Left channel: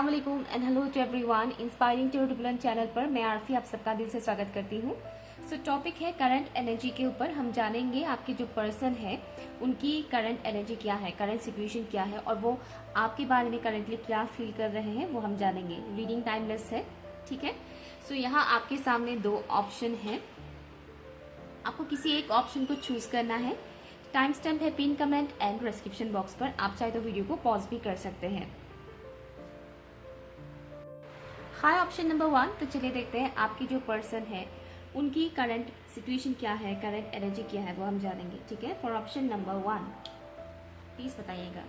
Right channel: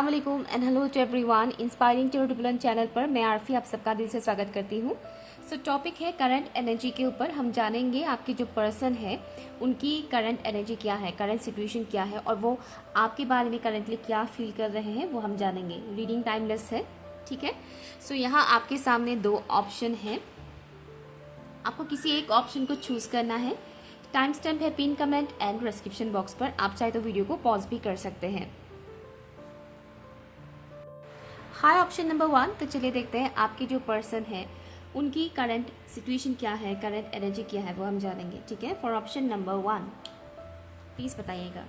अस्सलाम वालेकुम and hello to everyone. Inspiring to turbulent channel पर मैं आरफी आप सबका दिल से स्वागत करती हूँ। सो टॉपिक है करंट एनर्जी के ऊपर। हम जानेंगे आपके जो पर्सन है उनकी करंट एनर्जी क्या है, करंट सिचुएशन क्या है और वो आपके बारे में करंटली क्या फील कर रहे हैं वो हम जानेंगे। रीडिंग टाइमलेस है, ठीक है। सो यहाँ आपके सामने दो ऑप्शन है, आपको किसी एक ऑप्शन को चूज करना है। टाइम स्टैम्प है pin comment and description box पर। आप चाहे तो वीडियो को पॉज भी कर सकते हैं। हाय ऑप्शन नंबर 1। तो चलिए देखते हैं आपकी जो पर्सन है उनकी करंट सिचुएशन क्या है, करंट एनर्जी क्या है वो हम जानेंगे, ठीक है। फॉर ऑप्शन नंबर 1 प्लीज बताइएगा।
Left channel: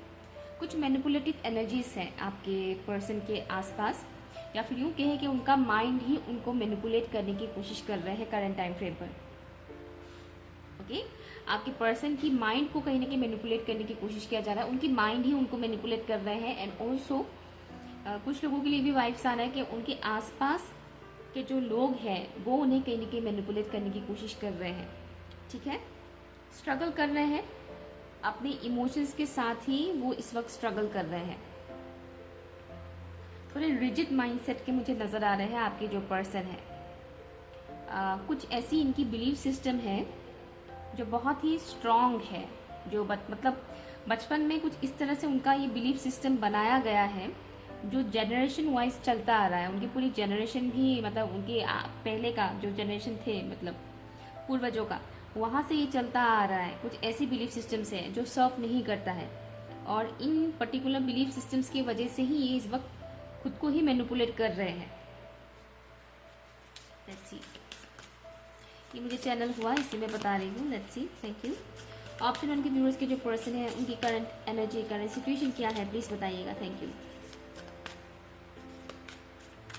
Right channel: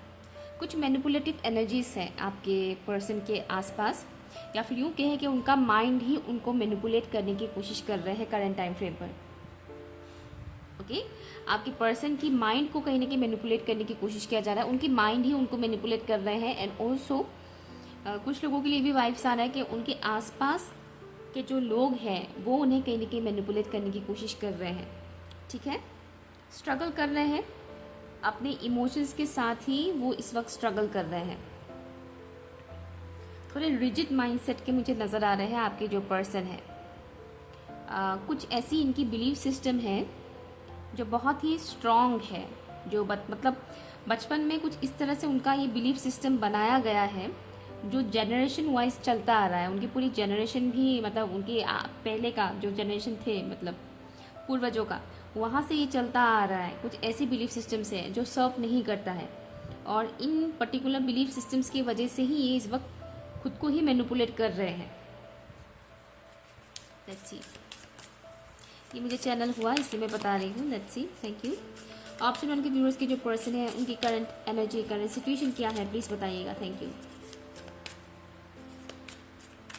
कुछ मैनिपुलेटिव एनर्जीज है आपके पर्सन के आसपास, या फिर यूं कहें कि उनका माइंड ही उनको मैनिपुलेट करने की कोशिश कर रहे हैं करंट टाइम फ्रेम पर। ओके, आपके पर्सन की माइंड को कहीं ना कहीं मैनिपुलेट करने की कोशिश किया जा रहा है, उनकी माइंड ही उनको मैनिपुलेट कर रहे हैं। एंड ऑल्सो कुछ लोगों के लिए भी वाइब्स आ रहा है कि उनके आसपास के जो लोग हैं वो उन्हें कहीं ना कहीं मैनिपुलेट करने की कोशिश कर रहे हैं, ठीक है। स्ट्रगल कर रहे हैं अपने इमोशंस के साथ ही, वो इस वक्त स्ट्रगल कर रहे हैं। थोड़े रिजिड माइंडसेट के मुझे नजर आ रहे हैं आपके जो पर्सन है। कुछ ऐसी इनकी बिलीफ सिस्टम है जो बहुत ही स्ट्रांग है, जो मतलब बचपन में कुछ इस तरह से उनका ये बिलीफ सिस्टम बनाया गया है जो जनरेशन वाइज चलता आ रहा है। उनकी पूरी जनरेशन भी, मतलब उनके पहले का जो जनरेशन थे, मतलब पूर्वजों का, वहां से ये चलता आ रहा है। कुछ ऐसी बिलीफ सिस्टम्स है जो सर्व नहीं करता है, और इन पर्टिकुलर बिलीफ सिस्टम्स की वजह से ही ये इस वक्त खुद को ही मैनिपुलेट कर रहे हैं। लेट्स सी, ये मुझे चैनल हुआ इसलिए मैं बता रही हूँ। Let's see, thank you. Option 1 के व्यूअर्स के जो पर्सन है उनकी करंट एनर्जी, करंट सिचुएशन क्या है प्लीज बताइएगा। Thank you.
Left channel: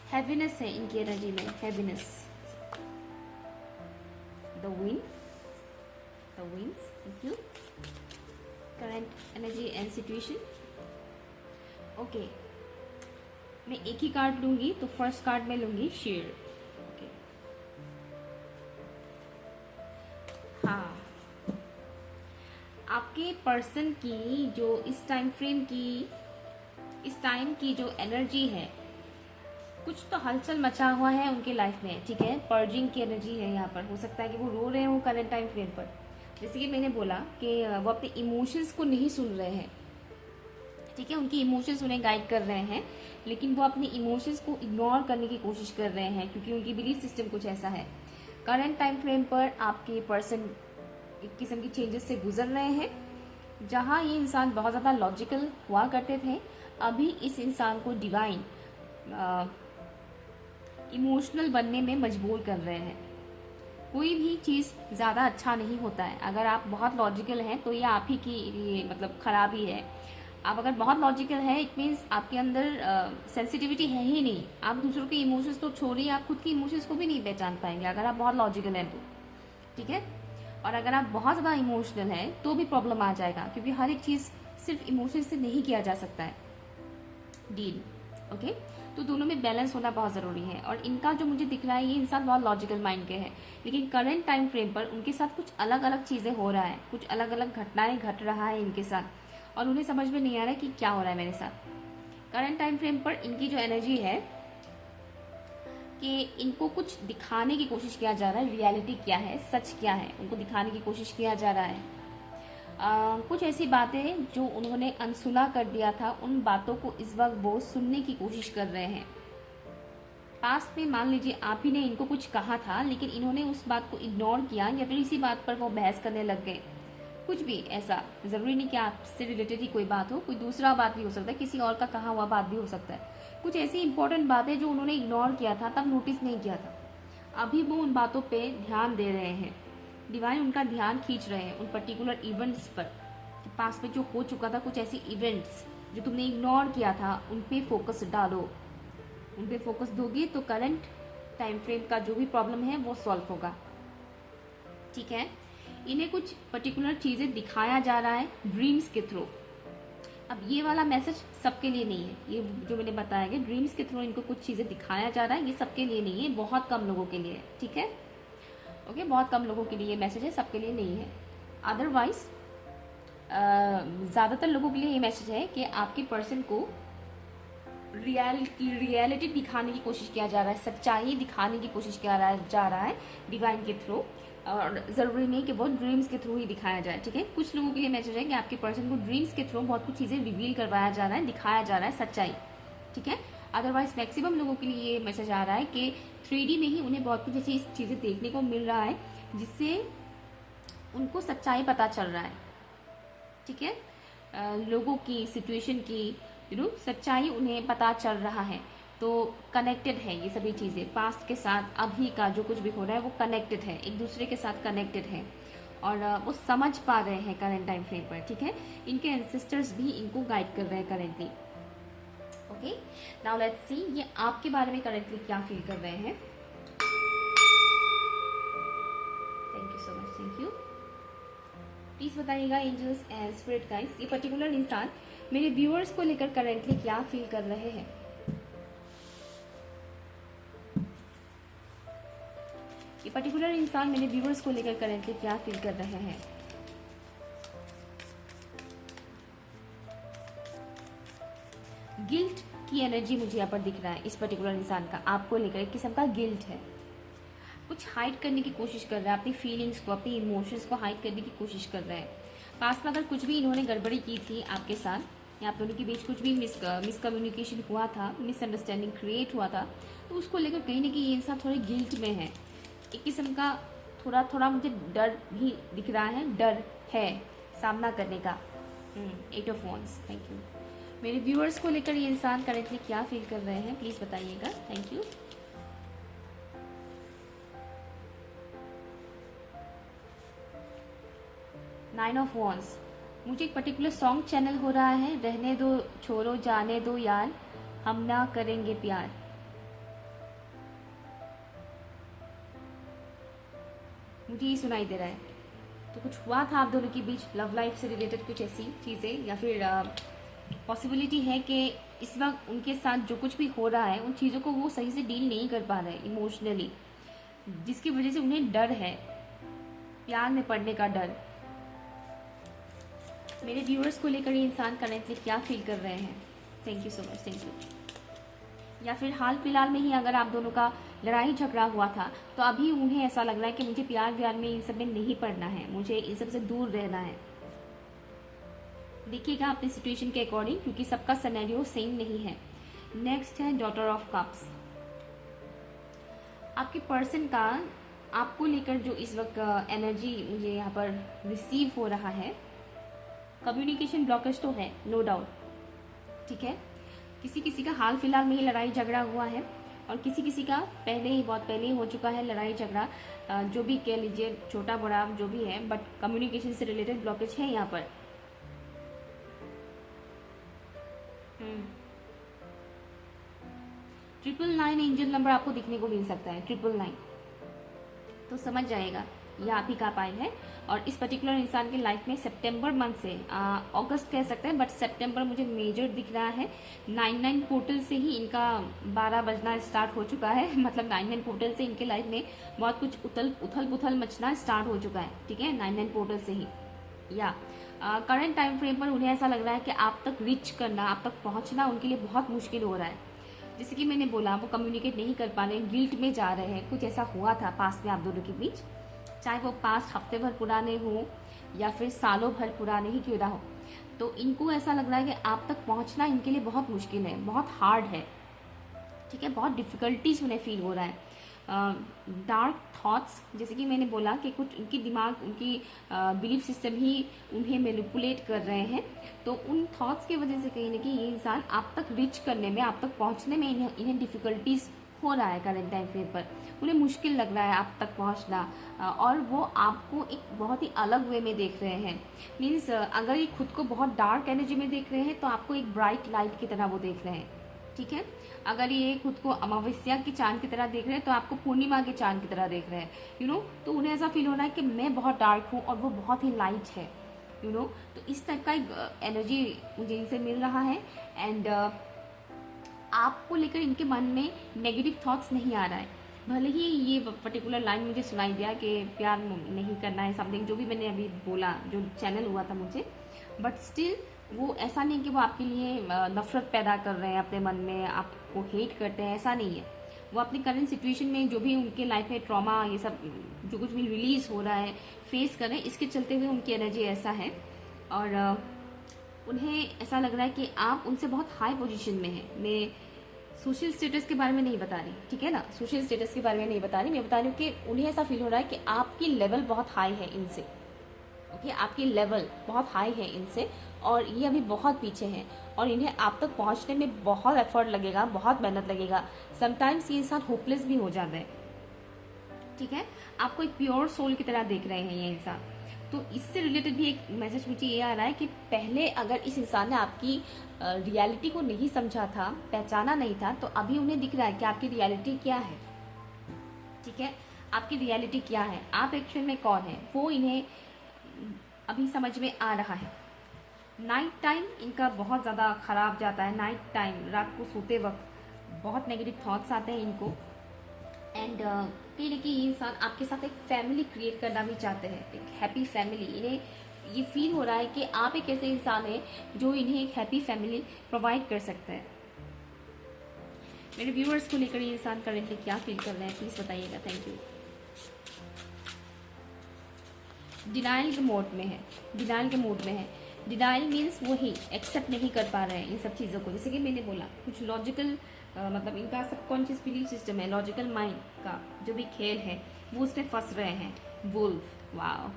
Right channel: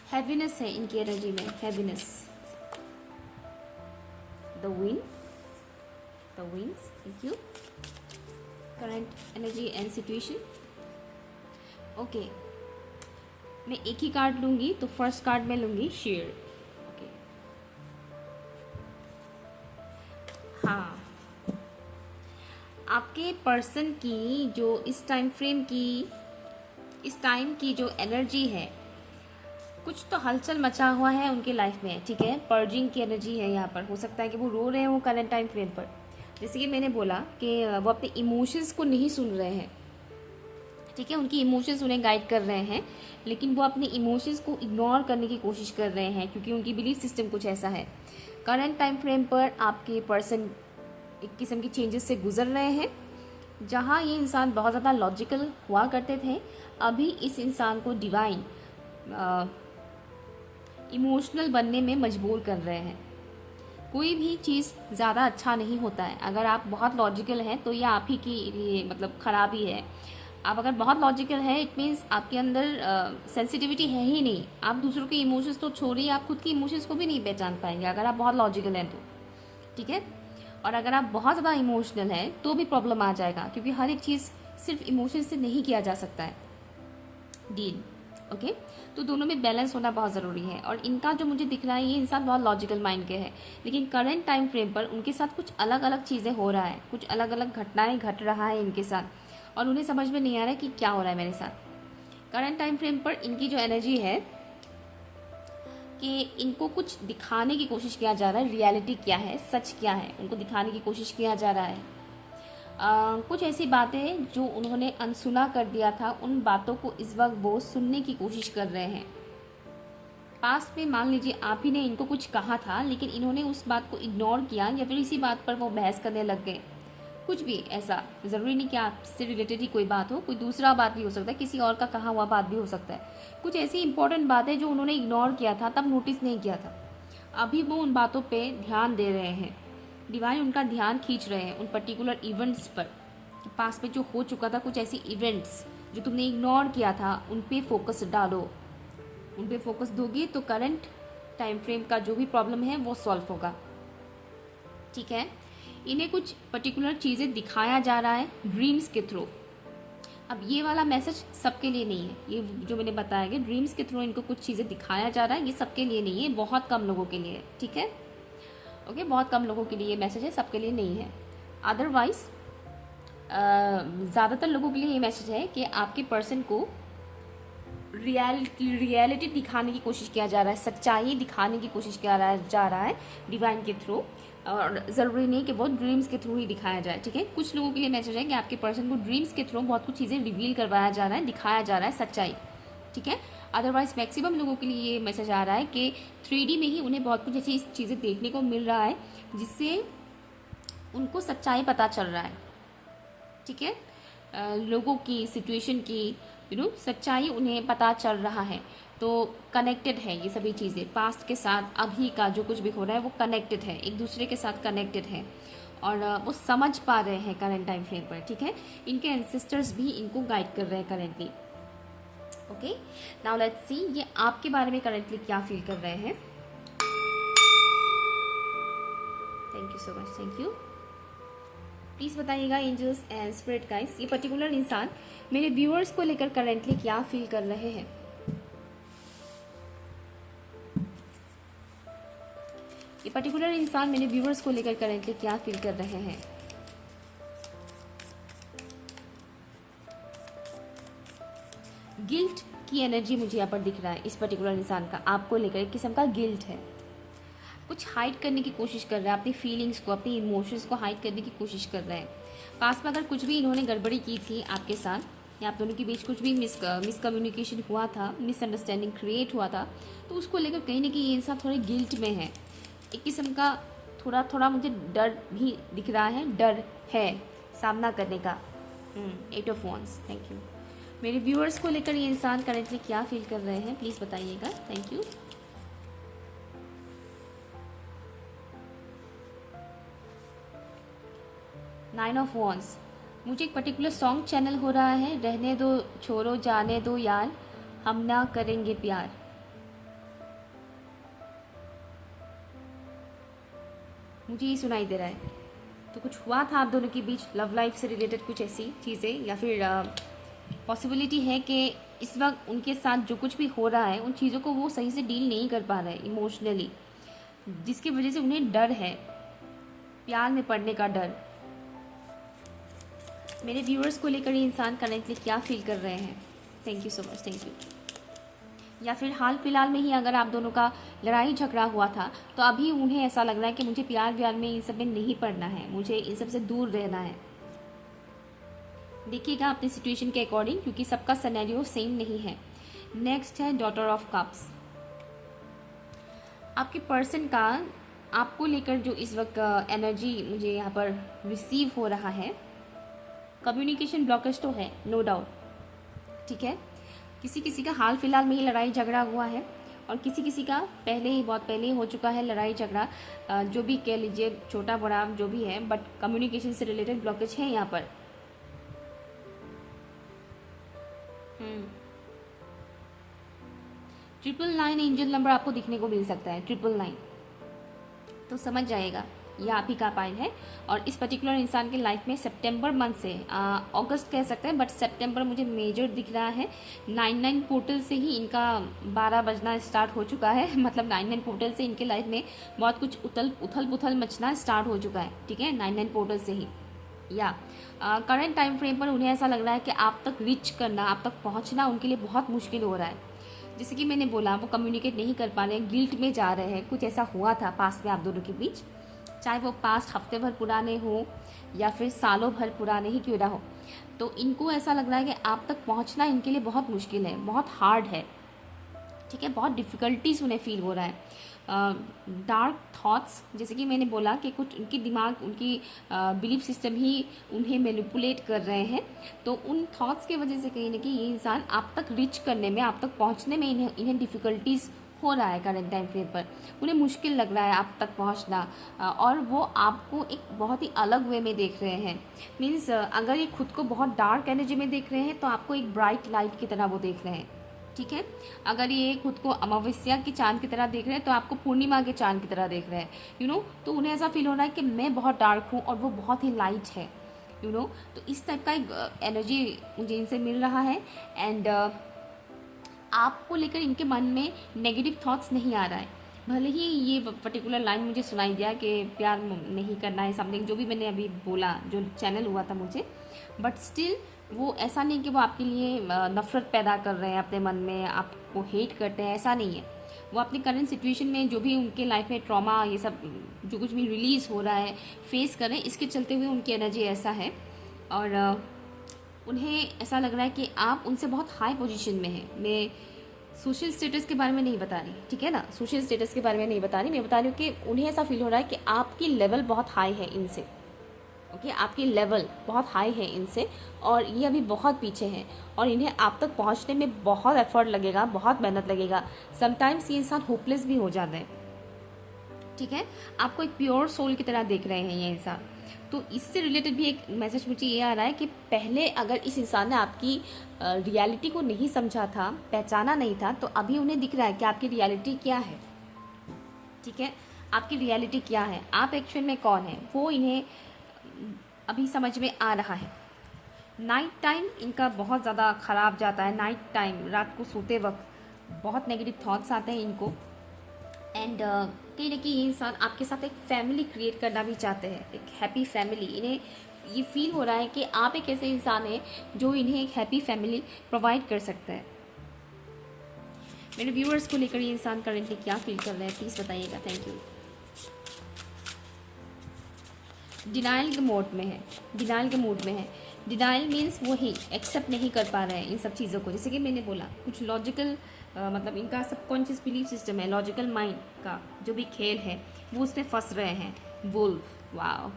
हैवीनेस है इनकी एनर्जी में, heaviness. The winds, thank you. Current energy and situation. Okay, मैं एक ही कार्ड लूंगी, तो फर्स्ट कार्ड में लूंगी शेयर। ओके, हाँ, आपके पर्सन की जो इस टाइम फ्रेम की, इस टाइम की जो एनर्जी है, कुछ तो हलचल मचा हुआ है उनके लाइफ में, ठीक है। पर्जिंग की एनर्जी है यहाँ पर। हो सकता है कि वो रो रहे हो करंट टाइम फ्रेम पर। जैसे कि मैंने बोला कि वो अपने इमोशंस को नहीं सुन रहे हैं, ठीक है। उनकी इमोशंस उन्हें गाइड कर रहे हैं, लेकिन वो अपने इमोशंस को इग्नोर करने की कोशिश कर रहे हैं क्योंकि उनकी बिलीफ सिस्टम कुछ ऐसा है। करंट टाइम फ्रेम पर आपके पर्सन एक किस्म की चेंजेस से गुजर रहे हैं। जहाँ ये इंसान बहुत ज़्यादा लॉजिकल हुआ करते थे, अभी इस इंसान को डिवाइन इमोशनल बनने में मजबूर कर रहे हैं। कोई भी चीज़ ज़्यादा अच्छा नहीं होता है। अगर आप बहुत लॉजिकल हैं तो ये आप ही के लिए मतलब खराबी है। आप अगर बहुत लॉजिकल है, इट मीन्स आपके अंदर सेंसिटिविटी है ही नहीं। आप दूसरों के इमोशंस तो छोड़िए, आप खुद के इमोशंस को भी नहीं पहचान पाएंगे अगर आप बहुत लॉजिकल हैं तो, ठीक है। और अगर आप बहुत ज़्यादा इमोशनल हैं तो भी प्रॉब्लम आ जाएगा, क्योंकि हर एक चीज़ सिर्फ इमोशन से नहीं किया जा सकता है डील, ओके। तो दोनों में बैलेंस होना बहुत ज़रूरी है। और इनका जो मुझे दिख रहा है, ये इंसान बहुत लॉजिकल माइंड के हैं, लेकिन करंट टाइम फ्रेम पर उनके साथ कुछ अलग अलग चीज़ें हो रहा है, कुछ अलग अलग घटनाएं घट रहा है इनके साथ, और उन्हें समझ में नहीं आ रहा है कि क्या हो रहा है मेरे साथ। करंट टाइम फ्रेम पर इनकी जो एनर्जी है कि इनको कुछ दिखाने की कोशिश किया जा रहा है। रियलिटी क्या है, सच क्या है, उनको दिखाने की कोशिश किया जा रहा है। कुछ ऐसी बातें जो उन्होंने अनसुना कर दिया था, उन बातों को इस वक्त वो सुनने की कोशिश कर रहे हैं। पास्ट में मान लीजिए आप ही ने इनको कुछ कहा था, लेकिन इन्होंने उस बात को इग्नोर किया, या फिर इसी बात पर वो बहस करने लग गए। कुछ भी ऐसा, जरूरी नहीं कि आपसे रिलेटेड ही कोई बात हो, कोई दूसरा बात भी हो सकता है, किसी और का कहा हुआ बात भी हो सकता है। कुछ ऐसी इंपॉर्टेंट बातें जो उन्होंने इग्नोर किया था, तब नोटिस नहीं किया था, अभी वो उन बातों पे ध्यान दे रहे हैं। डिवाइन उनका ध्यान खींच रहे हैं उन पर्टिकुलर इवेंट्स पर। पास में जो हो चुका था, कुछ ऐसी इवेंट्स जो तुमने इग्नोर किया था, उन पे फोकस डालो। उन पे फोकस दोगी तो करंट टाइम फ्रेम का जो भी प्रॉब्लम है वो सॉल्व होगा, ठीक है। इन्हें कुछ पर्टिकुलर चीजें दिखाया जा रहा है ड्रीम्स के थ्रू। अब ये वाला मैसेज सबके लिए नहीं है, ये जो मैंने बताया कि ड्रीम्स के थ्रू इनको कुछ चीजें दिखाया जा रहा है, ये सबके लिए नहीं है, बहुत कम लोगों के लिए है, ठीक है। ओके, बहुत कम लोगों के लिए ये मैसेज है, सबके लिए नहीं है। अदरवाइज ज़्यादातर लोगों के लिए ये मैसेज है कि आपके पर्सन को रियलिटी दिखाने की कोशिश किया जा रहा है, सच्चाई दिखाने की कोशिश किया जा रहा है डिवाइन के थ्रू, और ज़रूरी नहीं कि वो ड्रीम्स के थ्रू ही दिखाया जाए। ठीक है, कुछ लोगों के लिए मैसेज है कि आपके पर्सन को ड्रीम्स के थ्रू बहुत कुछ चीज़ें रिवील करवाया जा रहा है, दिखाया जा रहा है सच्चाई। ठीक है, अदरवाइज मैक्सिमम लोगों के लिए ये मैसेज आ रहा है कि 3D में ही उन्हें बहुत कुछ ऐसी चीज़ें देखने को मिल रहा है जिससे उनको सच्चाई पता चल रहा है। ठीक है, लोगों की, सिचुएशन की, सच्चाई उन्हें पता चल रहा है। तो कनेक्टेड है ये सभी चीज़ें, पास्ट के साथ अभी का जो कुछ भी हो रहा है वो कनेक्टेड है, एक दूसरे के साथ कनेक्टेड है, और वो समझ पा रहे हैं करंट टाइम फ्रेम पर। ठीक है, इनके एंसेस्टर्स भी इनको गाइड कर रहे हैं currently. Okay, now let's see ये आपके बारे में करेंटली क्या फील कर रहे हैं। Thank you so much, thank you. Please बताइएगा एंजल्स एंड स्पिरिट गाइड्स, ये पर्टिकुलर इंसान मेरे व्यूअर्स को लेकर करेंटली क्या फील कर रहे हैं। ये पर्टिकुलर इंसान मेरे व्यूअर्स को लेकर करेंटली क्या फील कर रहे हैं। गिल्ट की एनर्जी मुझे यहाँ पर दिख रहा है इस पर्टिकुलर इंसान का, आपको लेकर एक किस्म का गिल्ट है, कुछ हाइड करने की कोशिश कर रहा है, अपनी फीलिंग्स को, अपनी इमोशंस को हाइड करने की कोशिश कर रहा है। पास में अगर कुछ भी इन्होंने गड़बड़ी की थी आपके साथ, या आप दोनों के बीच कुछ भी मिसकम्युनिकेशन हुआ था, मिसअंडरस्टैंडिंग क्रिएट हुआ था, तो उसको लेकर कहीं ना कहीं ये इंसान थोड़े गिल्ट में है, एक किस्म का थोड़ा थोड़ा मुझे डर भी दिख रहा है, डर है सामना करने का। 8 ऑफ वॉन्ड्स, थैंक यू। मेरे व्यूअर्स को लेकर ये इंसान करेंटली क्या फील कर रहे हैं, प्लीज बताइएगा। Thank you. Nine of wands, मुझे एक पर्टिकुलर सॉन्ग चैनल हो रहा है, रहने दो छोड़ो जाने दो यार, हम ना करेंगे प्यार। मुझे ये सुनाई दे रहा है, तो कुछ हुआ था आप दोनों के बीच, लव लाइफ से रिलेटेड कुछ ऐसी चीज़ें, या फिर पॉसिबिलिटी है कि इस वक्त उनके साथ जो कुछ भी हो रहा है उन चीज़ों को वो सही से डील नहीं कर पा रहे इमोशनली, जिसकी वजह से उन्हें डर है, प्यार में पड़ने का डर। मेरे व्यूअर्स को लेकर ये इंसान करेंटली क्या फील कर रहे हैं। Thank you so much, thank you. या फिर हाल फिलहाल में ही अगर आप दोनों का लड़ाई झगड़ा हुआ था, तो अभी उन्हें ऐसा लग रहा है कि मुझे प्यार व्यार में इन सब में नहीं पड़ना है, मुझे इन सब से दूर रहना है। देखिएगा अपनी सिचुएशन के अकॉर्डिंग, क्योंकि सबका सिनेरियो सेम नहीं है। नेक्स्ट है डॉटर ऑफ कप्स। आपके पर्सन का आपको लेकर जो इस वक्त एनर्जी मुझे यहाँ पर रिसीव हो रहा है, कम्युनिकेशन ब्लॉकेज तो है, नो डाउट। ठीक है, किसी किसी का हाल फिलहाल में ही लड़ाई झगड़ा हुआ है, और किसी किसी का पहले ही, बहुत पहले ही हो चुका है लड़ाई झगड़ा, जो भी कह लीजिए, छोटा बड़ा जो भी है, बट कम्युनिकेशन से रिलेटेड ब्लॉकेज है यहाँ पर। 999 एंजल नंबर आपको दिखने को मिल सकता है, 999, तो समझ जाएगा ये आप ही का पाइल है। और इस पर्टिकुलर इंसान के लाइफ में सितंबर मंथ से, अगस्त कह सकते हैं, बट सितंबर मुझे मेजर दिख रहा है। 99 पोर्टल से ही इनका 12 बजना स्टार्ट हो चुका है, मतलब 99 पोर्टल से इनके लाइफ में बहुत कुछ उथल पुथल मचना स्टार्ट हो चुका है। ठीक है, 99 पोर्टल से ही, या करंट टाइम फ्रेम पर उन्हें ऐसा लग रहा है कि आप तक रीच करना, आप तक पहुंचना उनके लिए बहुत मुश्किल हो रहा है। जैसे कि मैंने बोला, वो कम्युनिकेट नहीं कर पा रहे हैं, गिल्ट में जा रहे हैं। कुछ ऐसा हुआ था पास्ट में आप दोनों के बीच, चाहे वो पास्ट हफ्ते भर पुराने हो या फिर सालों भर पुराने ही क्यों ना हो, तो इनको ऐसा लग रहा है कि आप तक पहुंचना इनके लिए बहुत मुश्किल है, बहुत हार्ड है। ठीक है, बहुत डिफिकल्टीज उन्हें फील हो रहा है। डार्क थॉट्स, जैसे कि मैंने बोला कि कुछ उनकी दिमाग, उनकी बिलीफ सिस्टम ही उन्हें मैनिपुलेट कर रहे हैं, तो उन थॉट्स की वजह से कहीं ना कहीं ये इंसान आप तक रीच करने में, आप तक पहुंचने में इन्हें डिफिकल्टीज हो रहा है। करंट टाइम फ्रेम पर उन्हें मुश्किल लग रहा है आप तक पहुंचना, और वो आपको एक बहुत ही अलग वे में देख रहे हैं। मीन्स अगर ये खुद को बहुत डार्क एनर्जी में देख रहे हैं, तो आपको एक ब्राइट लाइट की तरह वो देख रहे हैं। ठीक है, अगर ये खुद को अमावस्या के चांद की तरह देख रहे हैं, तो आपको पूर्णिमा के चांद की तरह देख रहे हैं। तो उन्हें ऐसा फील हो रहा है कि मैं बहुत डार्क हूँ और वो बहुत ही लाइट है। तो इस टाइप का एक एनर्जी मुझे इनसे मिल रहा है। एंड आपको लेकर इनके मन में नेगेटिव थॉट्स नहीं आ रहा है। भले ही ये पर्टिकुलर लाइन मुझे सुनाई दिया कि प्यार नहीं करना है, समथिंग जो भी मैंने अभी बोला, जो चैनल हुआ था मुझे, बट स्टिल वो ऐसा नहीं कि वो आपके लिए नफरत पैदा कर रहे हैं अपने मन में, आपको हेट करते हैं, ऐसा नहीं है। वो अपनी करंट सिचुएशन में जो भी उनके लाइफ में ट्रॉमा ये सब जो कुछ भी रिलीज हो रहा है, फेस कर रहे हैं, इसके चलते हुए उनकी एनर्जी ऐसा है। और उन्हें ऐसा लग रहा है कि आप उनसे बहुत हाई पोजीशन में हैं। मैं सोशल स्टेटस के बारे में नहीं बता रही, ठीक है ना, सोशल स्टेटस के बारे में नहीं बता रही, मैं बता रही हूँ कि उन्हें ऐसा फील हो रहा है कि आपकी लेवल बहुत हाई है इनसे। ओके, आपकी लेवल बहुत हाई है इनसे और ये अभी बहुत पीछे हैं और इन्हें आप तक पहुंचने में बहुत एफर्ट लगेगा, बहुत मेहनत लगेगा। समटाइम्स ये इंसान होपलेस भी हो जाता है, ठीक है। आपको एक प्योर सोल की तरह देख रहे हैं ये इंसान। तो इससे रिलेटेड भी एक मैसेज मुझे ये आ रहा है कि पहले अगर इस इंसान ने आपकी रियलिटी को नहीं समझा था, पहचाना नहीं था, तो अभी उन्हें दिख रहा है कि आपकी रियलिटी क्या है, ठीक है। आपकी रियलिटी क्या है, आप एक्चुअल में कौन है, वो इन्हें अभी समझ में आ रहा है। नाइट टाइम इनका बहुत ज़्यादा खराब जाता है। नाइट टाइम, रात को सोते वक्त बहुत नेगेटिव थॉट्स आते हैं इनको। एंड कहीं ना कहीं ये इंसान आपके साथ एक फैमिली क्रिएट करना भी चाहते हैं, एक हैप्पी फैमिली। इन्हें ये फील हो रहा है कि आप एक ऐसे इंसान हैं जो इन्हें एक हैप्पी फैमिली प्रोवाइड कर सकते हैं। मेरे व्यूअर्स को लेकर ये इंसान करेंटली क्या फील कर रहे हैं, प्लीज बताइएगा। Thank you. डिनाइल के मोड में है, डिनाइल के मूड में है। डिनाइल मीन्स वो ही एक्सेप्ट नहीं कर पा रहे हैं इन सब चीज़ों को। जैसे कि मैंने बोला, कुछ लॉजिकल मतलब इनका सबकॉन्शियस बिलीफ सिस्टम है, लॉजिकल माइंड का जो भी खेल है वो उसमें फंस रहे हैं। वुल्फ, वाओ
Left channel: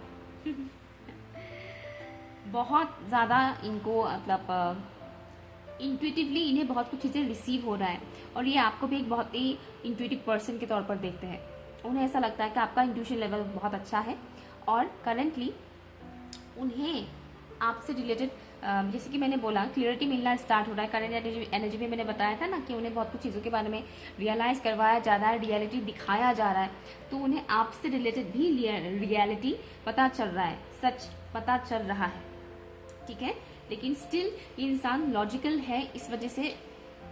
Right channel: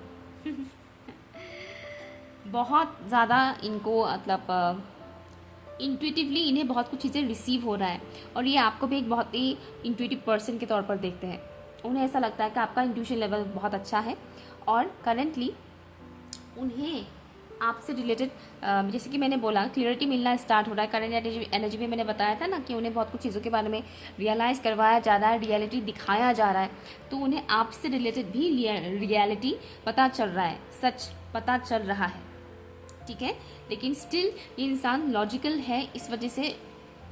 बहुत ज़्यादा इनको मतलब इंट्यूटिवली इन्हें बहुत कुछ चीज़ें रिसीव हो रहा है और ये आपको भी एक बहुत ही इंट्यूटिव पर्सन के तौर पर देखते हैं। उन्हें ऐसा लगता है कि आपका इंट्यूशन लेवल बहुत अच्छा है और करेंटली उन्हें आपसे रिलेटेड जैसे कि मैंने बोला क्लियरिटी मिलना स्टार्ट हो रहा है। करंट एनर्जी में मैंने बताया था ना कि उन्हें बहुत कुछ चीज़ों के बारे में रियलाइज़ करवाया जा रहा है, रियलिटी दिखाया जा रहा है। तो उन्हें आपसे रिलेटेड भी रियलिटी पता चल रहा है, सच पता चल रहा है, ठीक है। लेकिन स्टिल ये इंसान लॉजिकल है, इस वजह से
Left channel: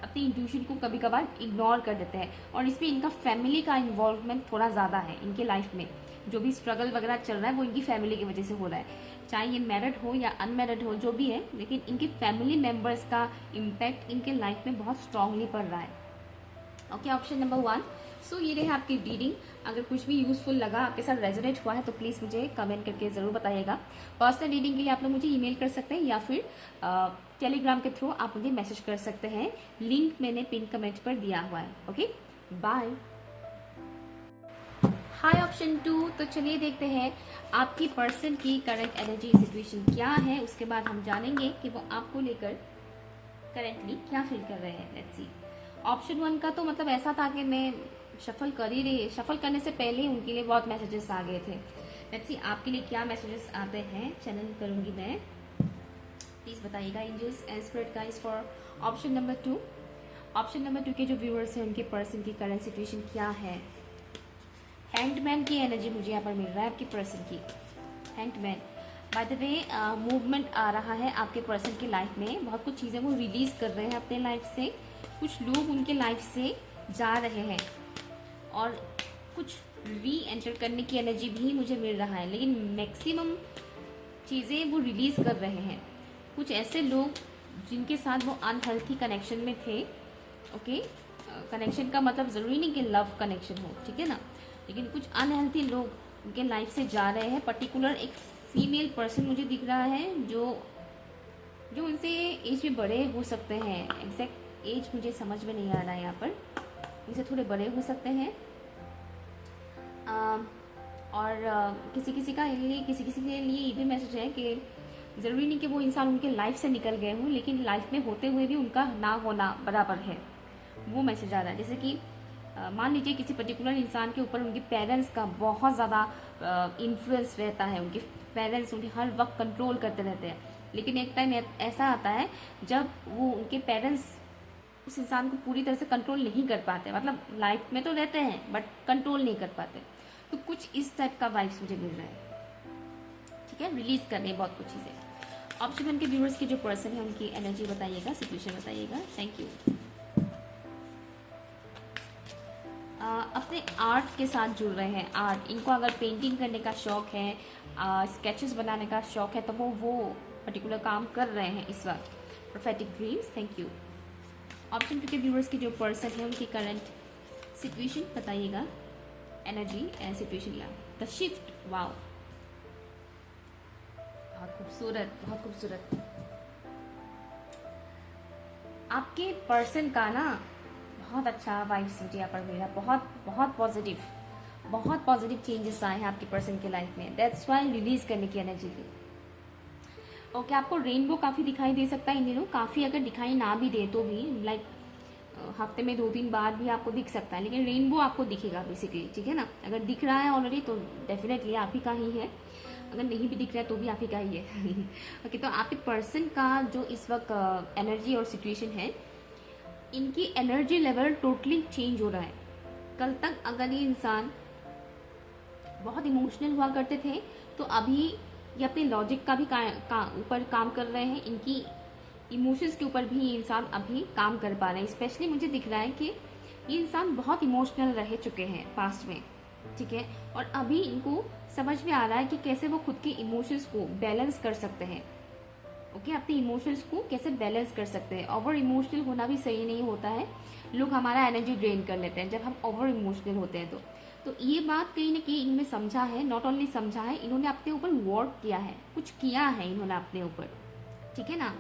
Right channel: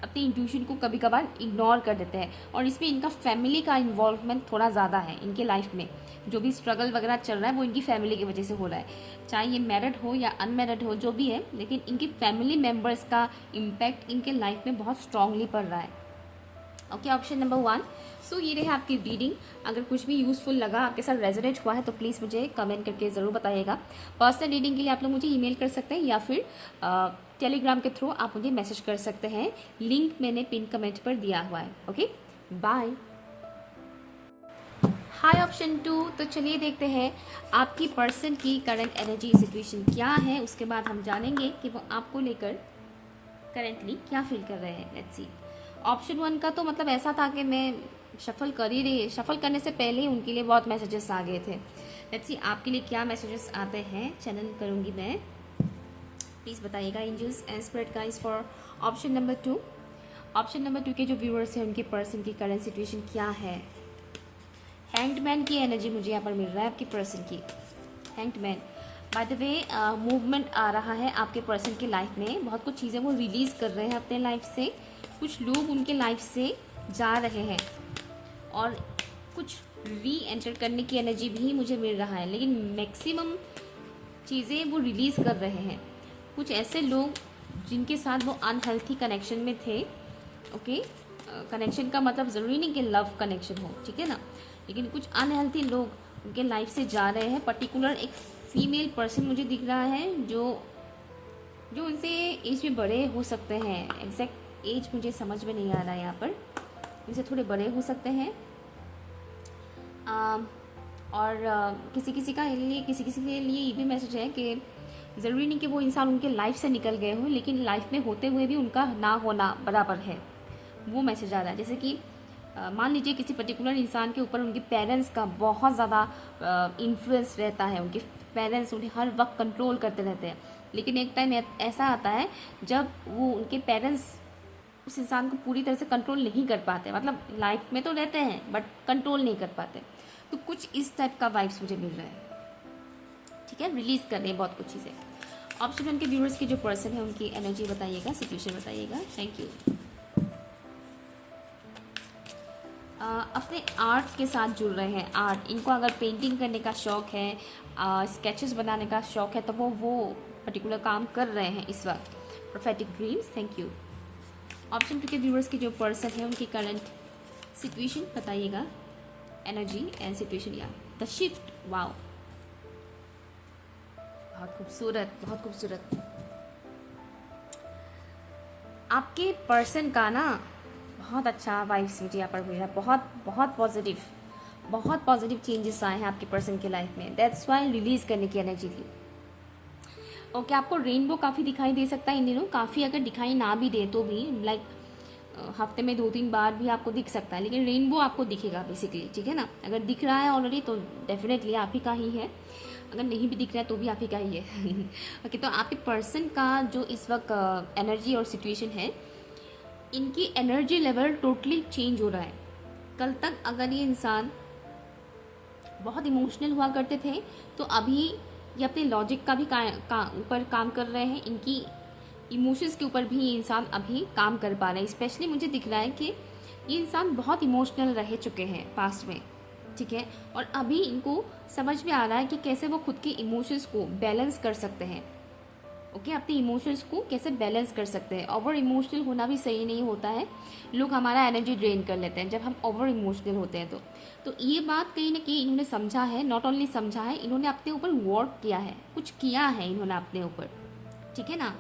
अपनी इंट्यूशन को कभी कभार इग्नोर कर देते हैं। और इसमें इनका फैमिली का इन्वॉल्वमेंट थोड़ा ज़्यादा है इनके लाइफ में। जो भी स्ट्रगल वगैरह चल रहा है वो इनकी फैमिली की वजह से हो रहा है, चाहे ये मैरिड हो या अनमैरिड हो, जो भी है, लेकिन इनकी फैमिली मेम्बर्स का इम्पैक्ट इनके लाइफ में बहुत स्ट्रांगली पड़ रहा है। Okay, option number 1। सो ये रहे आपकी रीडिंग। अगर कुछ भी यूजफुल लगा, आपके साथ रेजोनेट हुआ है, तो प्लीज़ मुझे कमेंट करके ज़रूर बताइएगा। पर्सनल रीडिंग के लिए आप लोग मुझे ईमेल कर सकते हैं या फिर टेलीग्राम के थ्रू आप मुझे मैसेज कर सकते हैं। लिंक मैंने पिन कमेंट पर दिया हुआ है। Okay, bye. Hi option 2। तो चलिए देखते हैं आपकी पर्सन की करंट एनर्जी सिचुएशन क्या है, उसके बाद हम जानेंगे कि वो आपको लेकर करेंटली क्या फील कर रहे हैं। Let's see. ऑप्शन 1 का तो मतलब ऐसा था कि मैं शफल करने से पहले ही उनके लिए बहुत मैसेजेस आ गए थे। लेट्स सी आपके लिए क्या मैसेजेस आते हैं, चैनल करूंगी मैं, प्लीज बताइएगा। Angels and spirit guides for option number 2। Option number 2 के जो व्यूअर्स हैं उनके पर्सन की करंट सिचुएशन क्या है। हैंग्ड की एनर्जी मुझे यहाँ पर मिल रहा है आपके पर्सन की। Hanged man, by the way movement आ रहा है आपके पर्सन की लाइफ में। बहुत कुछ चीज़ें वो रिलीज कर रहे हैं अपने लाइफ से, कुछ लोग उनके लाइफ से जा रहे हैं और कुछ री एंटर करने की एनर्जी भी मुझे मिल रहा है, लेकिन मैक्सिमम चीज़ें वो रिलीज कर रहे हैं। कुछ ऐसे लोग जिनके साथ वो अनहेल्थी कनेक्शन में थे। ओके, कनेक्शन का मतलब ज़रूरी नहीं कि लव कनेक्शन हो, ठीक है ना, लेकिन कुछ अनहेल्थी लोग उनके लाइफ से जा रहे हैं। पर्टिकुलर एक फीमेल पर्सन मुझे दिख रहा है जो उनसे एज में बड़े हो सकते हैं। एग्जैक्ट एज मुझे समझ में नहीं आ रहा है यहाँ पर, उनसे थोड़े बड़े हो सकते हैं। और किसी किसी के लिए ये भी मैसेज है कि ज़रूरी नहीं कि वो इंसान उनके लाइफ से निकल गए हों, लेकिन लाइफ में होते हुए भी उनका ना होना बराबर है, वो मैसेज आ रहा है। जैसे कि मान लीजिए किसी पर्टिकुलर इंसान के ऊपर उनके पेरेंट्स का बहुत ज़्यादा इन्फ्लुएंस रहता है, उनके पेरेंट्स उन्हें हर वक्त कंट्रोल करते रहते हैं, लेकिन एक टाइम ऐसा आता है जब वो उनके पेरेंट्स उस इंसान को पूरी तरह से कंट्रोल नहीं कर पाते। मतलब लाइफ में तो रहते हैं बट कंट्रोल नहीं कर पाते। तो कुछ इस टाइप का वाइब्स मुझे मिल रहा है, ठीक है। रिलीज कर रहे हैं बहुत कुछ चीज़ें। ऑप्शन 1 के व्यूअर्स की जो पर्सन है उनकी एनर्जी बताइएगा, सिचुएशन बताइएगा। Thank you. अपने आर्ट के साथ जुड़ रहे हैं। आर्ट, इनको अगर पेंटिंग करने का शौक है, स्केचेस बनाने का शौक है, तो वो पर्टिकुलर काम कर रहे हैं इस वक्त। Prophetic dreams, thank you. Option 2 के व्यूअर्स के जो पर्सन है उनकी करंट सिचुएशन बताइएगा, एनर्जी एंड सिचुएशन। या द शिफ्ट, वाओ, बहुत खूबसूरत, बहुत खूबसूरत। आपके पर्सन का ना बहुत अच्छा वाइब्स मुझे यहाँ पर मिल रहा है, बहुत बहुत पॉजिटिव, बहुत पॉजिटिव चेंजेस आए हैं आपके पर्सन के लाइफ में। दैट्स वाई रिलीज करने की एनर्जी थी। ओके, आपको रेनबो काफ़ी दिखाई दे सकता है इन दिनों, काफ़ी अगर दिखाई ना भी दे तो भी लाइक हफ्ते में 2-3 बार भी आपको दिख सकता है, लेकिन रेनबो आपको दिखेगा बेसिकली, ठीक है ना। अगर दिख रहा है ऑलरेडी तो डेफिनेटली आप ही का ही है, अगर नहीं भी दिख रहा है तो भी आप ही का ही है। ओके, तो आपके पर्सन का जो इस वक्त एनर्जी और सिचुएशन है, इनकी एनर्जी लेवल टोटली चेंज हो रहा है। कल तक अगर ये इंसान बहुत इमोशनल हुआ करते थे तो अभी ये अपने लॉजिक का भी ऊपर काम कर रहे हैं, इनकी इमोशंस के ऊपर भी ये इंसान अभी काम कर पा रहे हैं। स्पेशली मुझे दिख रहा है कि ये इंसान बहुत इमोशनल रह चुके हैं पास्ट में, ठीक है, और अभी इनको समझ में आ रहा है कि कैसे वो खुद के इमोशंस को बैलेंस कर सकते हैं। ओके, अपने इमोशंस को कैसे बैलेंस कर सकते हैं। ओवर इमोशनल होना भी सही नहीं होता है, लोग हमारा एनर्जी ड्रेन कर लेते हैं जब हम ओवर इमोशनल होते हैं तो ये बात कहीं ना कहीं इन्होंने समझा है, नॉट ओनली समझा है, इन्होंने अपने ऊपर वर्क किया है, कुछ किया है इन्होंने अपने ऊपर, ठीक है ना।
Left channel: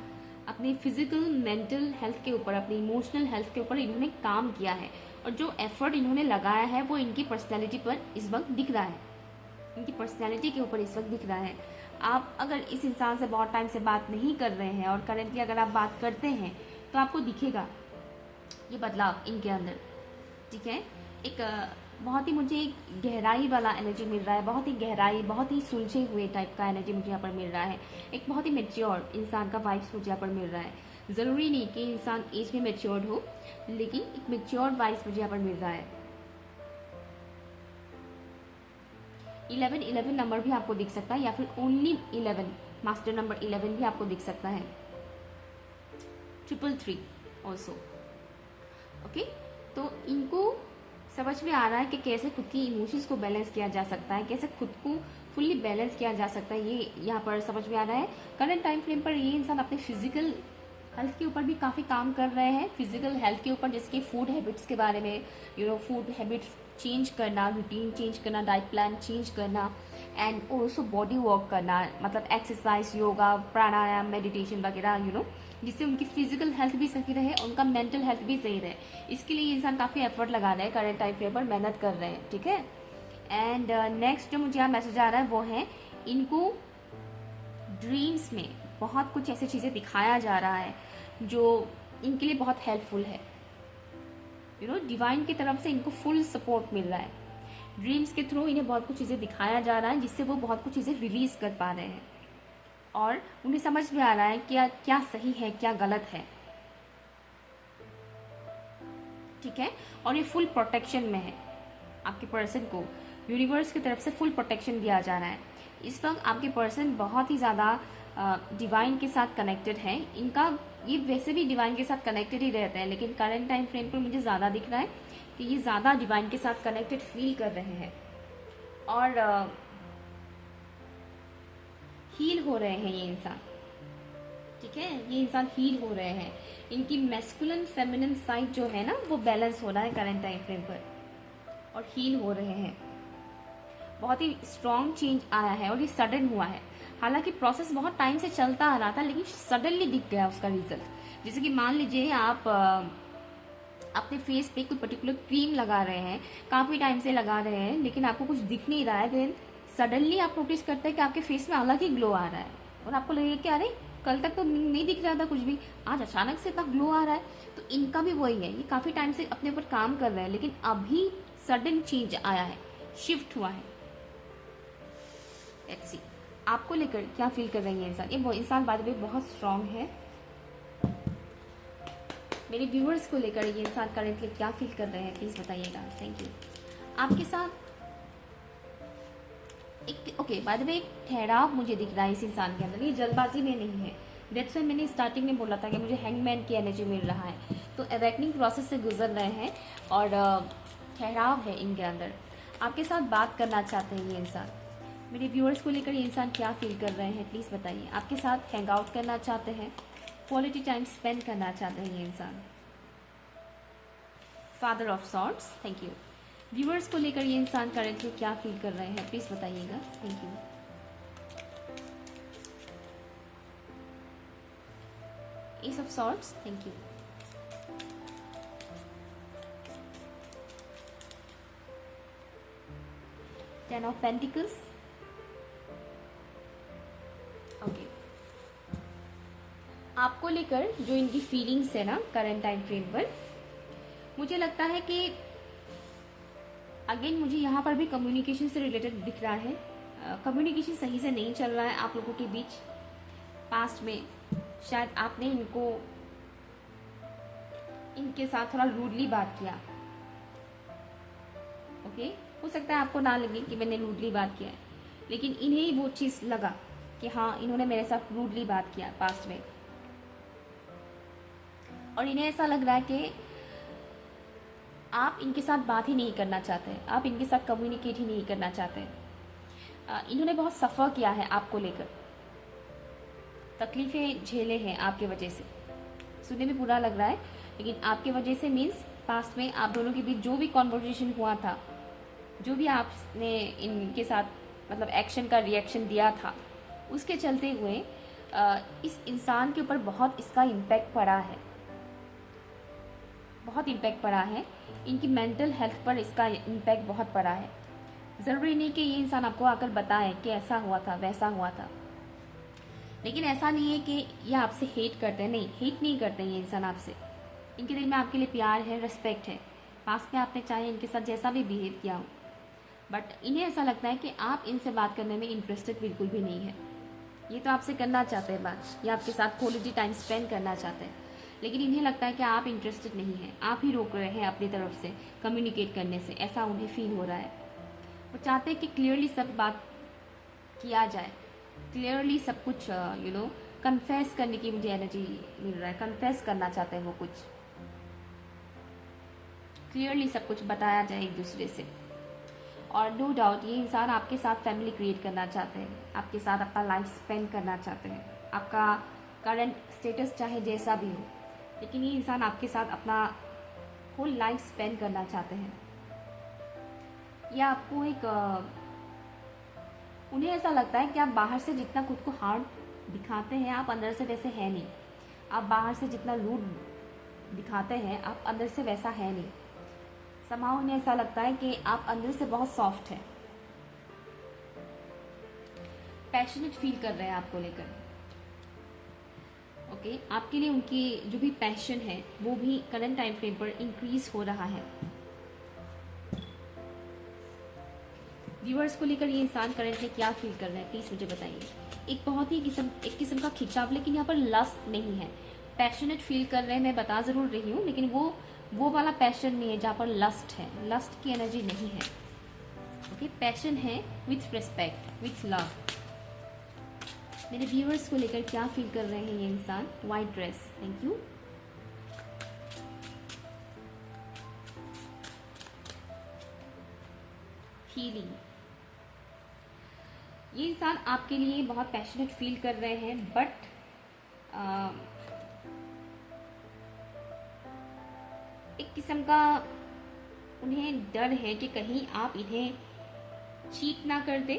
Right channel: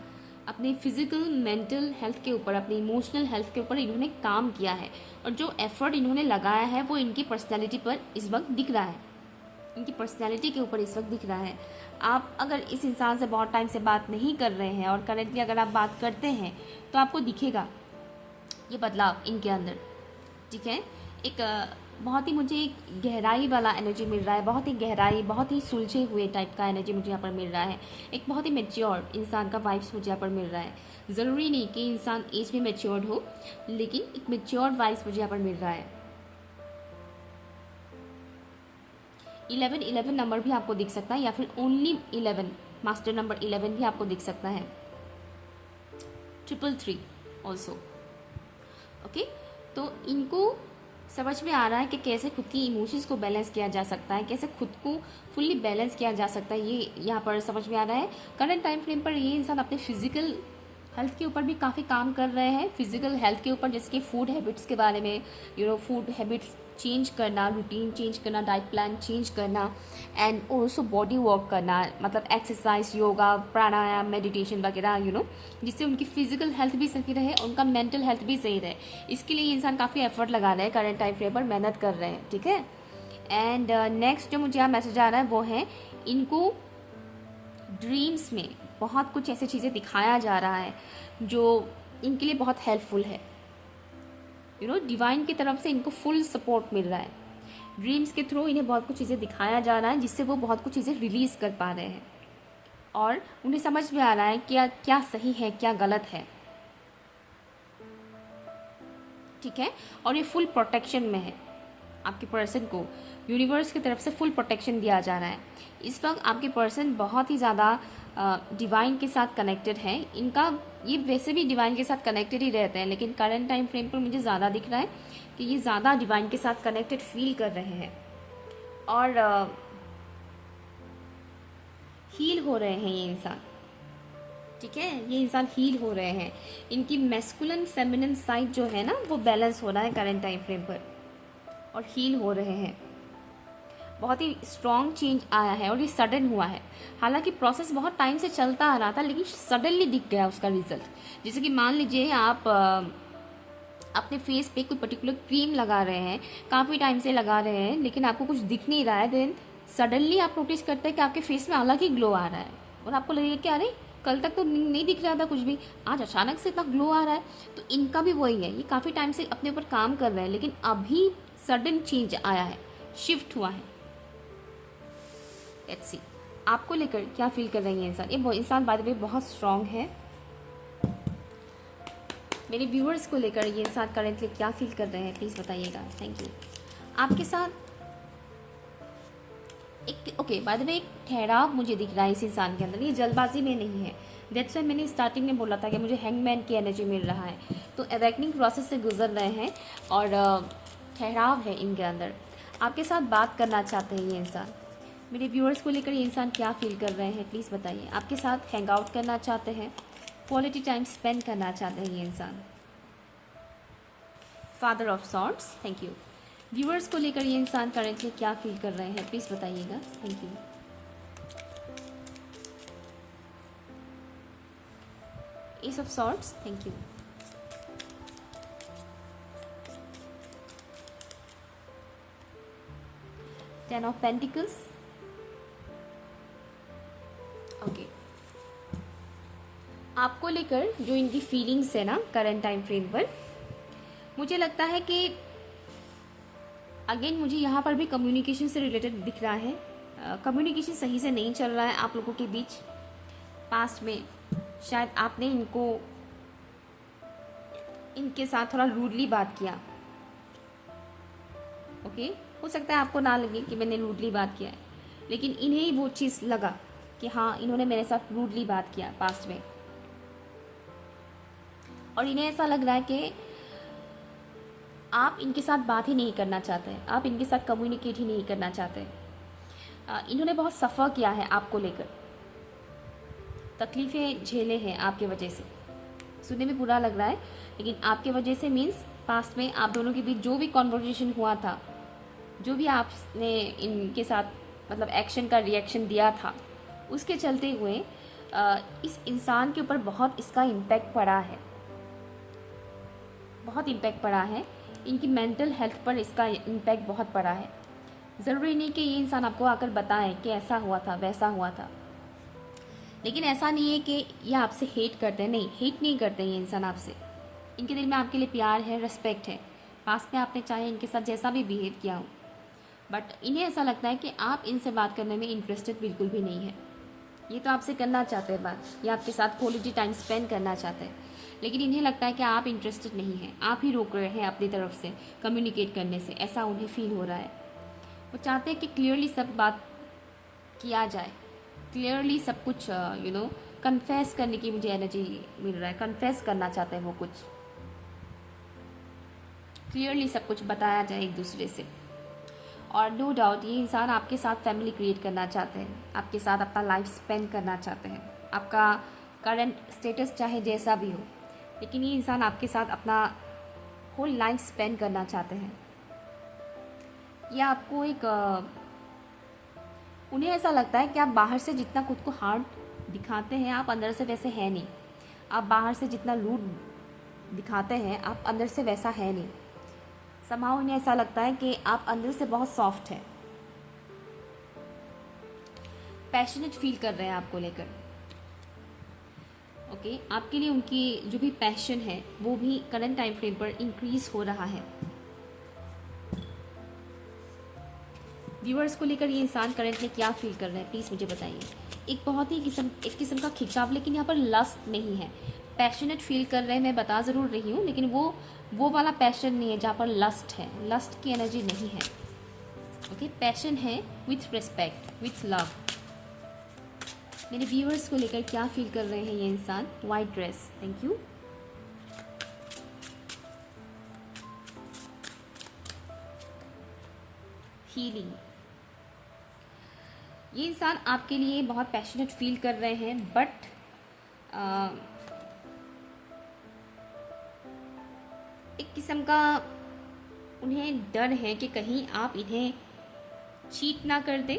अपने फिजिकल मेंटल हेल्थ के ऊपर, अपनी इमोशनल हेल्थ के ऊपर इन्होंने काम किया है, और जो एफर्ट इन्होंने लगाया है वो इनकी पर्सनैलिटी पर इस वक्त दिख रहा है, इनकी पर्सनैलिटी के ऊपर इस वक्त दिख रहा है। आप अगर इस इंसान से बहुत टाइम से बात नहीं कर रहे हैं और करेंटली अगर आप बात करते हैं तो आपको दिखेगा ये बदलाव इनके अंदर, ठीक है। एक बहुत ही मुझे एक गहराई वाला एनर्जी मिल रहा है, बहुत ही गहराई, बहुत ही सुलझे हुए टाइप का एनर्जी मुझे यहाँ पर मिल रहा है। एक बहुत ही मेच्योर इंसान का वाइब्स मुझे यहाँ पर मिल रहा है। ज़रूरी नहीं कि इंसान एज में मेच्योर्ड हो, लेकिन एक मेच्योर वाइब्स मुझे यहाँ पर मिल रहा है। 11 नंबर भी आपको दिख सकता है, या फिर ओनली 11, मास्टर नंबर 11 भी आपको दिख सकता है। 333 ऑल्सो। ओके, तो इनको समझ में आ रहा है कि कैसे खुद की इमोशंस को बैलेंस किया जा सकता है, कैसे खुद को फुल्ली बैलेंस किया जा सकता है, ये यहाँ पर समझ में आ रहा है। करंट टाइम फ्रेम पर ये इंसान अपने फिजिकल हेल्थ के ऊपर भी काफ़ी काम कर रहे हैं, फिजिकल हेल्थ के ऊपर, जैसे कि फूड हैबिट्स के बारे में, फूड हैबिट्स चेंज करना, रूटीन चेंज करना, डाइट प्लान चेंज करना, एंड ऑल्सो बॉडी वर्क करना, मतलब एक्सरसाइज, योगा, प्राणायाम, मेडिटेशन वगैरह, जिससे उनकी फिजिकल हेल्थ भी सही रहे और उनका मेंटल हेल्थ भी सही रहे। इसके लिए इंसान काफ़ी एफर्ट लगा रहे हैं, करंट टाइम फ्रेम पर मेहनत कर रहे हैं, ठीक है। एंड नेक्स्ट जो मुझे यहाँ मैसेज आ रहा है वो है, इनको ड्रीम्स में बहुत कुछ ऐसी चीज़ें दिखाया जा रहा है जो इनके लिए बहुत हेल्पफुल है। डिवाइन की तरफ से इनको फुल सपोर्ट मिल रहा है। ड्रीम्स के थ्रू इन्हें बहुत कुछ चीज़ें दिखाया जा रहा है, जिससे वो बहुत कुछ चीज़ें रिलीज कर पा रहे हैं, और उन्हें समझ में आ रहा है क्या क्या सही है, क्या गलत है, ठीक है। और ये फुल प्रोटेक्शन में है। आपके पर्सन को यूनिवर्स की तरफ से फुल प्रोटेक्शन दिया जा रहा है। इस वक्त आपके पर्सन बहुत ही ज़्यादा डिवाइन के साथ कनेक्टेड है। इनका ये वैसे भी डिवाइन के साथ कनेक्टेड ही रहते हैं, लेकिन करंट टाइम फ्रेम पर मुझे ज़्यादा दिख रहा है कि ये ज़्यादा डिवाइन के साथ कनेक्टेड फील कर रहे हैं, और हील हो रहे हैं ये इंसान, ठीक है। ये इंसान हील हो रहे हैं, इनकी मैस्कुलिन फेमिनिन साइड जो है ना वो बैलेंस हो रहा है करंट टाइम फ्रेम पर, और हील हो रहे हैं। बहुत ही स्ट्रॉन्ग चेंज आया है और ये सडन हुआ है। हालांकि प्रोसेस बहुत टाइम से चलता आ रहा था, लेकिन सडनली दिख गया उसका रिजल्ट। जैसे कि मान लीजिए आप अपने फेस पे कोई पर्टिकुलर क्रीम लगा रहे हैं, काफ़ी टाइम से लगा रहे हैं, लेकिन आपको कुछ दिख नहीं रहा है, देन सडनली आप नोटिस करते हैं कि आपके फेस में अलग ही ग्लो आ रहा है, और आपको लगेगा कि अरे कल तक तो नहीं दिख रहा था कुछ भी, आज अचानक से इतना ग्लो आ रहा है। तो इनका भी वही है, ये काफ़ी टाइम से अपने ऊपर काम कर रहे हैं, लेकिन अभी सडन चेंज आया है, शिफ्ट हुआ है। लेट्स सी आपको लेकर क्या फील कर रही है इंसान। ये इंसान बाद में बहुत स्ट्रांग है। मेरे व्यूअर्स को लेकर ये इंसान करेंटली क्या फील कर रहे हैं, प्लीज बताइएगा। Thank you. आपके साथ एक ओके, बाद में एक ठहराव मुझे दिख रहा है इस इंसान के अंदर, ये जल्दबाजी में नहीं है। दैट्स व्हाई मैंने स्टार्टिंग में बोला था कि मुझे हैंगमैन की एनर्जी मिल रहा है। तो अवेकनिंग प्रोसेस से गुजर रहे हैं और ठहराव है इनके अंदर। आपके साथ बात करना चाहते हैं ये इंसान। मेरे व्यूअर्स को लेकर ये इंसान क्या फील कर रहे हैं प्लीज़ बताइए। आपके साथ हैंग आउट करना चाहते हैं, क्वालिटी टाइम स्पेंड करना चाहते हैं ये इंसान। Father of swords, thank you. Viewers को लेकर ये इंसान करेंटली क्या फील कर रहे हैं प्लीज़ बताइएगा। Thank you. S of swords, thank you. Ten of pentacles, okay. आपको लेकर जो इनकी फीलिंग्स है ना करंट टाइम फ्रेम पर, मुझे लगता है कि अगेन मुझे यहाँ पर भी कम्युनिकेशन से रिलेटेड दिख रहा है। कम्युनिकेशन सही से नहीं चल रहा है आप लोगों के बीच। पास्ट में शायद आपने इनके साथ थोड़ा रूडली बात किया, ओके। हो सकता है आपको ना लगे कि मैंने रूडली बात किया है, लेकिन इन्हें वो चीज़ लगा कि हाँ इन्होंने मेरे साथ रूडली बात किया पास्ट में, और इन्हें ऐसा लग रहा है कि आप इनके साथ बात ही नहीं करना चाहते, आप इनके साथ कम्युनिकेट ही नहीं करना चाहते। इन्होंने बहुत सफ़र किया है आपको लेकर, तकलीफ़ें झेले हैं आपके वजह से। सुनने में बुरा लग रहा है, लेकिन आपके वजह से मीन्स पास्ट में आप दोनों के बीच जो भी कॉन्वर्जेशन हुआ था, जो भी आपने इनके साथ मतलब एक्शन का रिएक्शन दिया था, उसके चलते हुए इस इंसान के ऊपर बहुत इसका इम्पैक्ट पड़ा है, बहुत इम्पैक्ट पड़ा है। इनकी मेंटल हेल्थ पर इसका इम्पैक्ट बहुत पड़ा है। ज़रूरी नहीं कि ये इंसान आपको आकर बताए कि ऐसा हुआ था वैसा हुआ था, लेकिन ऐसा नहीं है कि ये आपसे हेट करते हैं, नहीं, हेट नहीं करते ये इंसान आपसे। इनके दिल में आपके लिए प्यार है, रेस्पेक्ट है। पास्ट में आपने चाहे इनके साथ जैसा भी बिहेव किया हो, बट इन्हें ऐसा लगता है कि आप इनसे बात करने में इंटरेस्टेड बिल्कुल भी नहीं है। ये तो आपसे करना चाहते हैं बात, ये आपके साथ क्वालिटी टाइम स्पेंड करना चाहते हैं, लेकिन इन्हें लगता है कि आप इंटरेस्टेड नहीं हैं, आप ही रोक रहे हैं अपनी तरफ से कम्युनिकेट करने से, ऐसा उन्हें फील हो रहा है। वो चाहते हैं कि क्लियरली सब बात किया जाए, क्लियरली सब कुछ कन्फेस करने की मुझे एनर्जी मिल रहा है। कन्फेस करना चाहते हैं वो, कुछ क्लियरली सब कुछ बताया जाए एक दूसरे से। और नो डाउट ये इंसान आपके साथ फैमिली क्रिएट करना चाहते हैं, आपके साथ अपना लाइफ स्पेंड करना चाहते हैं। आपका करंट स्टेटस चाहे जैसा भी हो, लेकिन ये इंसान आपके साथ अपना होल लाइफ स्पेंड करना चाहते हैं। या आपको उन्हें ऐसा लगता है कि आप बाहर से जितना खुद को हार्ड दिखाते हैं, आप अंदर से वैसे है नहीं। आप बाहर से जितना रूड दिखाते हैं, आप अंदर से वैसा है नहीं। समाव उन्हें ऐसा लगता है कि आप अंदर से बहुत सॉफ्ट है, पैशनेट फील कर रहे हैं आपको लेकर, ओके। आपके लिए उनकी जो भी पैशन है वो भी करंट टाइम फ्रेम पर इंक्रीज हो रहा है। व्यूअर्स को लेकर ये इंसान करंटली क्या फील कर रहे हैं प्लीज मुझे बताइए। एक बहुत ही एक किस्म का खिंचाव, लेकिन यहाँ पर लस्ट नहीं है। पैशनेट फील कर रहे हैं, मैं बता जरूर रही हूँ, लेकिन वो वाला पैशन नहीं है जहाँ पर लस्ट है। लस्ट की एनर्जी नहीं है, ओके। पैशन है विथ रिस्पेक्ट, विथ लव। मेरे व्यूअर्स को लेकर क्या फील कर रहे हैं ये इंसान। White dress, thank you. Healing, ये इंसान आपके लिए बहुत पैशनेट फील कर रहे हैं, बट एक किस्म का उन्हें डर है कि कहीं आप इन्हें चीट ना कर दे,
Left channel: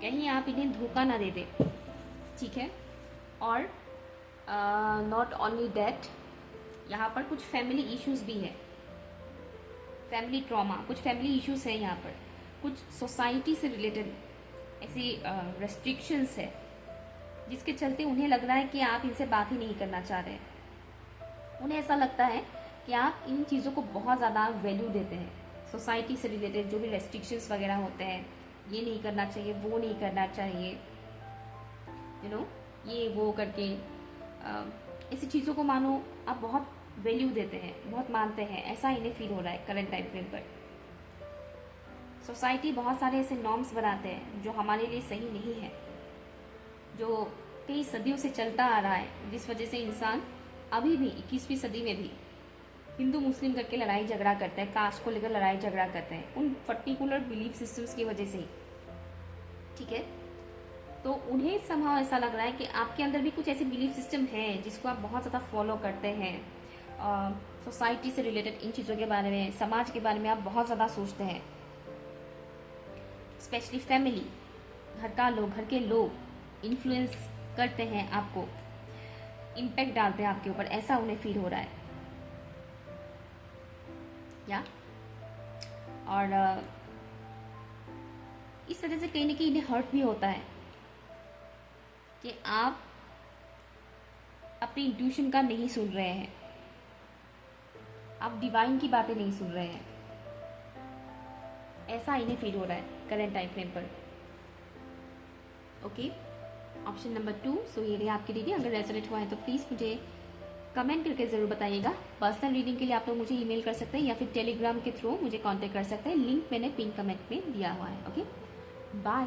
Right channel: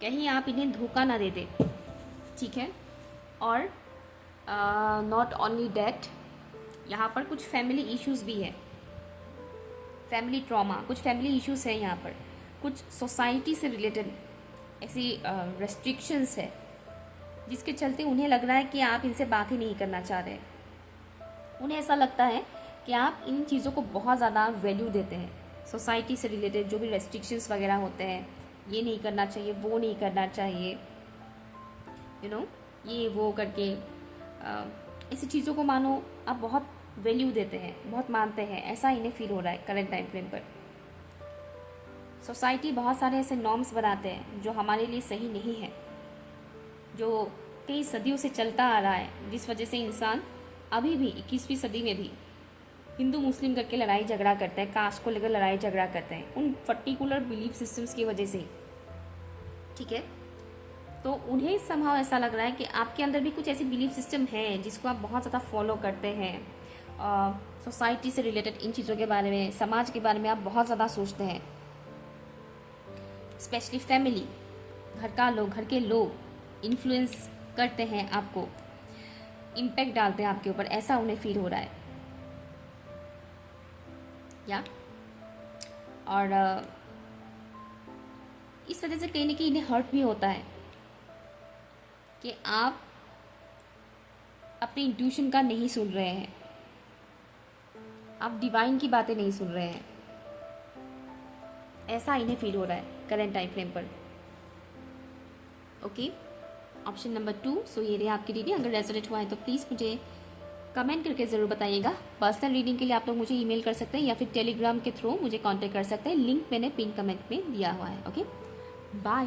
कहीं आप इन्हें धोखा ना दे दे, ठीक है। और नॉट ओनली डैट, यहाँ पर कुछ फैमिली इश्यूज भी है, फैमिली ट्रॉमा, कुछ फैमिली इश्यूज है यहाँ पर, कुछ सोसाइटी से रिलेटेड ऐसी रेस्ट्रिक्शंस है जिसके चलते उन्हें लग रहा है कि आप इनसे बात ही नहीं करना चाह रहे। उन्हें ऐसा लगता है कि आप इन चीज़ों को बहुत ज़्यादा वैल्यू देते हैं। सोसाइटी से रिलेटेड जो भी रेस्ट्रिक्शंस वगैरह होते हैं, ये नहीं करना चाहिए, वो नहीं करना चाहिए, ये वो करके ऐसी चीज़ों को मानो आप बहुत वैल्यू देते हैं, बहुत मानते हैं, ऐसा इन्हें फील हो रहा है करंट टाइम फ्रेम पर। सोसाइटी बहुत सारे ऐसे नॉर्म्स बनाते हैं जो हमारे लिए सही नहीं है, जो कई सदियों से चलता आ रहा है, जिस वजह से इंसान अभी भी 21वीं सदी में भी हिंदू मुस्लिम करके लड़ाई झगड़ा करते हैं, कास्ट को लेकर लड़ाई झगड़ा करते हैं, उन पर्टिकुलर बिलीफ सिस्टम्स की वजह से ही। ठीक है। तो उन्हें समहाउ ऐसा लग रहा है कि आपके अंदर भी कुछ ऐसे बिलीफ सिस्टम है जिसको आप बहुत ज़्यादा फॉलो करते हैं। सोसाइटी से रिलेटेड इन चीज़ों के बारे में, समाज के बारे में आप बहुत ज़्यादा सोचते हैं। स्पेशली फैमिली, घर के लोग इन्फ्लुएंस करते हैं आपको, इम्पैक्ट डालते हैं आपके ऊपर, ऐसा उन्हें फील हो रहा है। या और इस वजह से कहीं ना कहीं इन्हें हर्ट भी होता है कि आप अपनी इंट्यूशन का नहीं सुन रहे हैं, आप डिवाइन की बातें नहीं सुन रहे हैं, ऐसा इन्हें फील हो रहा है करंट टाइम फ्रेम पर। Okay, option number 2। सो ये रही आपकी रीडिंग। अगर रेजोनेट हुआ है तो प्लीज़ मुझे कमेंट करके ज़रूर बताइएगा। पर्सनल रीडिंग के लिए आप लोग मुझे ईमेल कर सकते हैं या फिर टेलीग्राम के थ्रू मुझे कांटेक्ट कर सकते हैं। लिंक मैंने पिन कमेंट में दिया हुआ है। Okay, bye.